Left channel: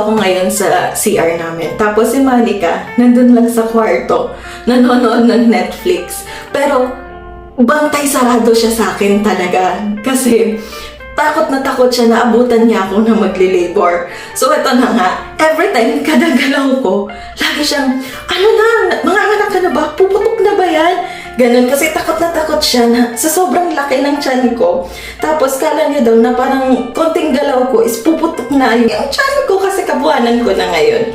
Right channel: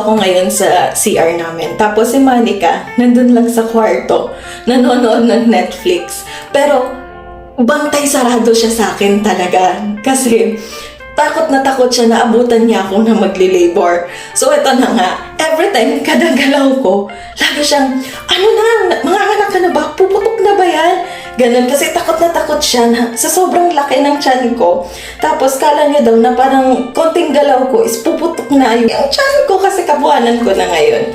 ako ngayon sa CR namin. Tapos si Monica, nandun lang sa kwarto, nanonood ng Netflix. Pero, bantay sarado siya sa akin talaga. Kasi, takot na takot siya na abutan niya ako na magli-labor. So, ito na nga. Every time, kadang galaw ko, lagi siyang, ano na, mga anak ka na ba? Puputok na ba yan? Ganun, kasi takot na takot siya na sa sobrang laki ng tiyan ko. Tapos, kala niya daw na parang konting galaw ko is puputok na yung tiyan ko kasi kabuhanan ko na ngayon.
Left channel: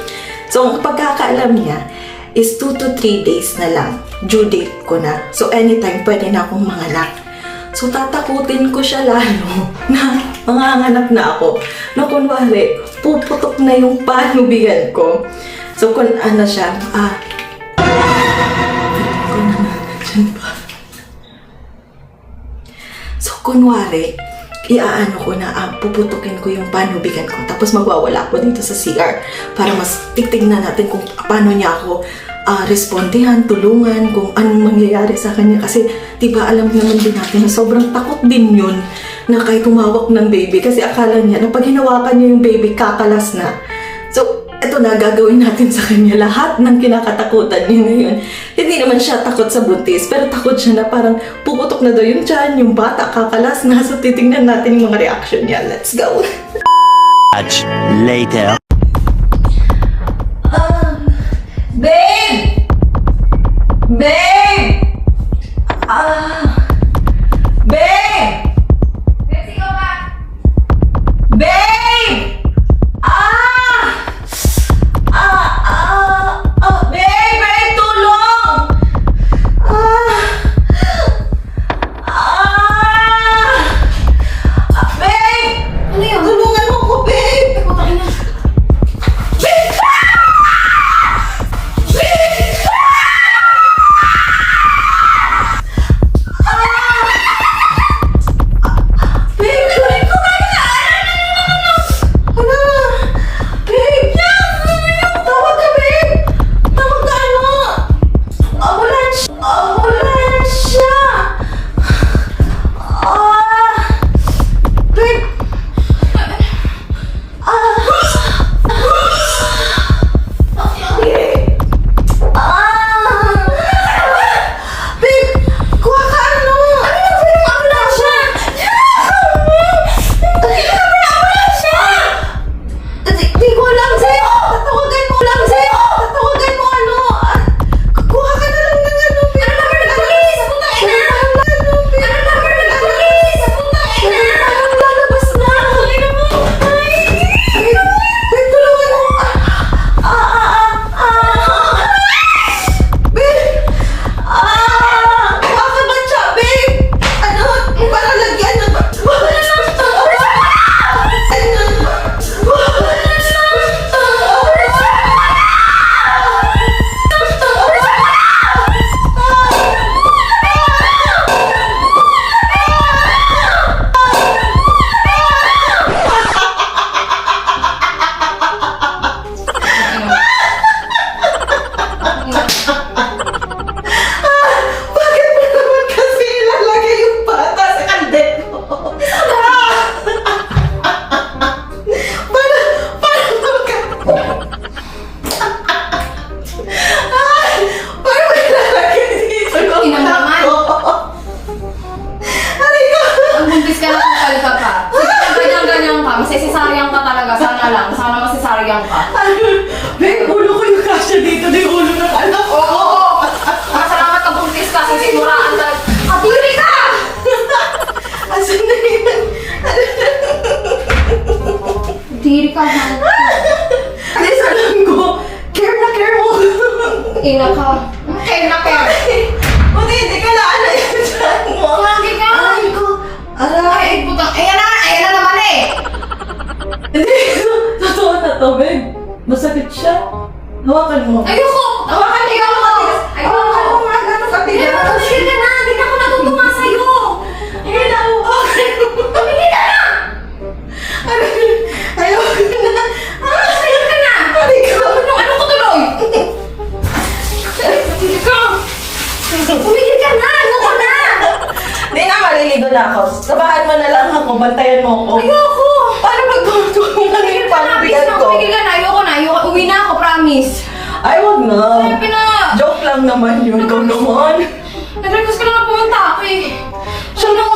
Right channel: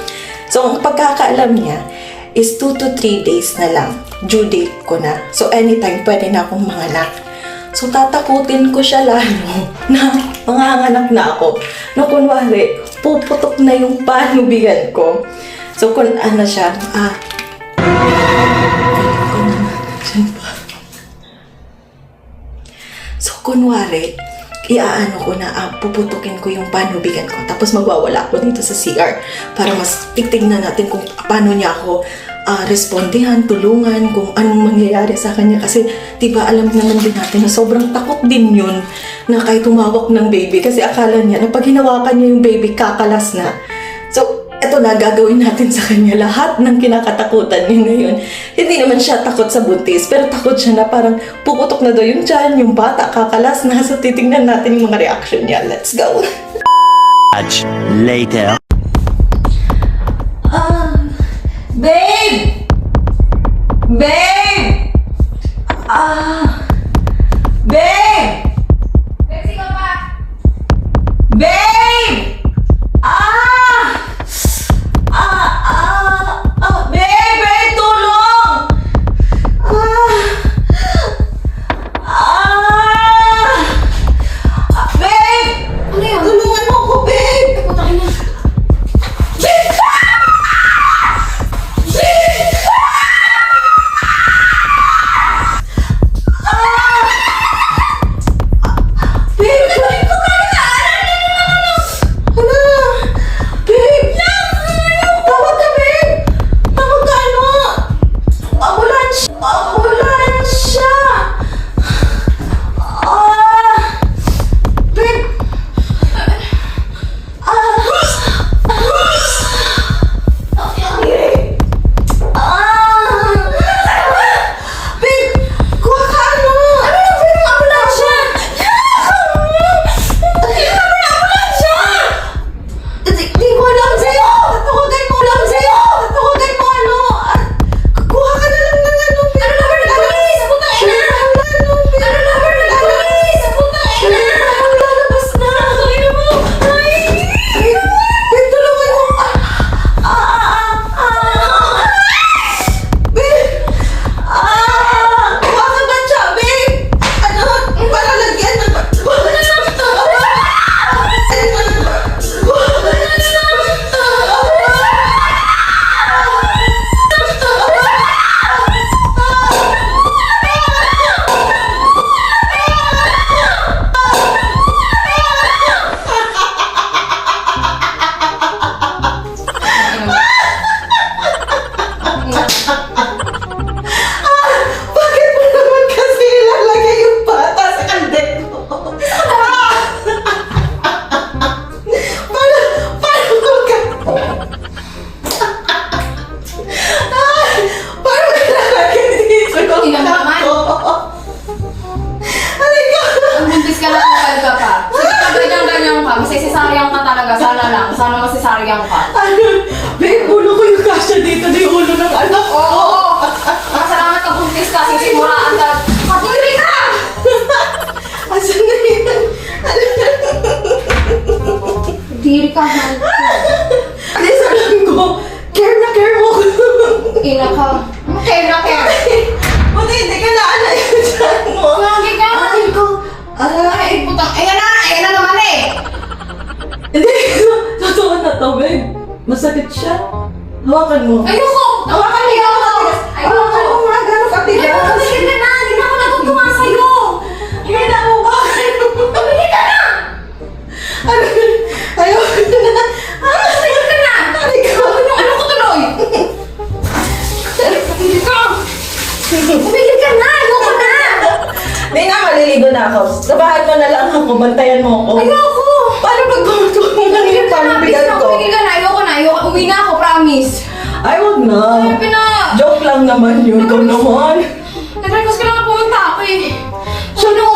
So, ang pagkakaalam niya is 2 to 3 days na lang. Due date ko na. So, anytime pwede na akong manganak. So, tatakutin ko siya lalo na manganganak na ako. No, kunwari, puputok na yung panubigan ko. So, kung ano siya, so, kunwari, iaano ko na, puputukin ko yung panubigan ko. Tapos magwawala ako dito sa CR para mas titignan natin kung paano niya ako respondihan, tulungan, kung anong mangyayari sa kanya. Kasi, diba, alam naman din natin na sobrang takot din yun na kahit tumawak ng baby. Kasi akala niya na pag hinawakan niya yung baby, kakalas na. So, eto na, gagawin natin sa kanya lahat ng kinakatakutan niya ngayon. Hindi naman siya takot sa buntis, pero takot siya na parang puputok na daw yung tiyan, yung bata, kakalas na. So, titingnan natin yung mga reaction niya. Let's go! Much later. Babe! Babe! Babe! Betsy, ikaw ba? Babe! Babe! Babe, tulong! Babe! Ano yun? Tulungan mo ko, babe! Putang ina. Masisaryan ka talaga, sana lang. Sana masisaryan ka. Babe, ulo ko yung kasya dito na yung ulo ng anak ko. Oo! Masalamat ka buntis ka, sisimuraan talaga. Kapili ka! Asan na yan? Diri ka, mahal ko. Alis, alam ko. Care na care mo. Ina ka. Care na care. Buti hindi ka naala yung dyan mo. Lagi ka. Ay ko. Ay, putang. Ayan na naman eh. Hindi, totoo na to, babe. Masakit siya. Hawakan mo. Ayoko! Hawakan mo yung matigas. Hawakan mo nga, gano'ng katigas. Tumigil ka na! Hindi na ako natutuwa sa'yo! Hindi na ako. Tumigil ka na! Ayoko na. Tumigil ka na! Halika. Ano ko tuloy? Tumigil ka na! Ayoko na! Hindi na, maliligo na ako. Sabahan mo na lang ako, bantayan mo ako. Ayoko! Paano pag pumunto mo na yung panabigan ko? Tumigil ka na! promise. Ay, wag na. Ay, Joke lang naman yun. Ikaw naman. Nag-request ka lang na pumunta ako eh. Sana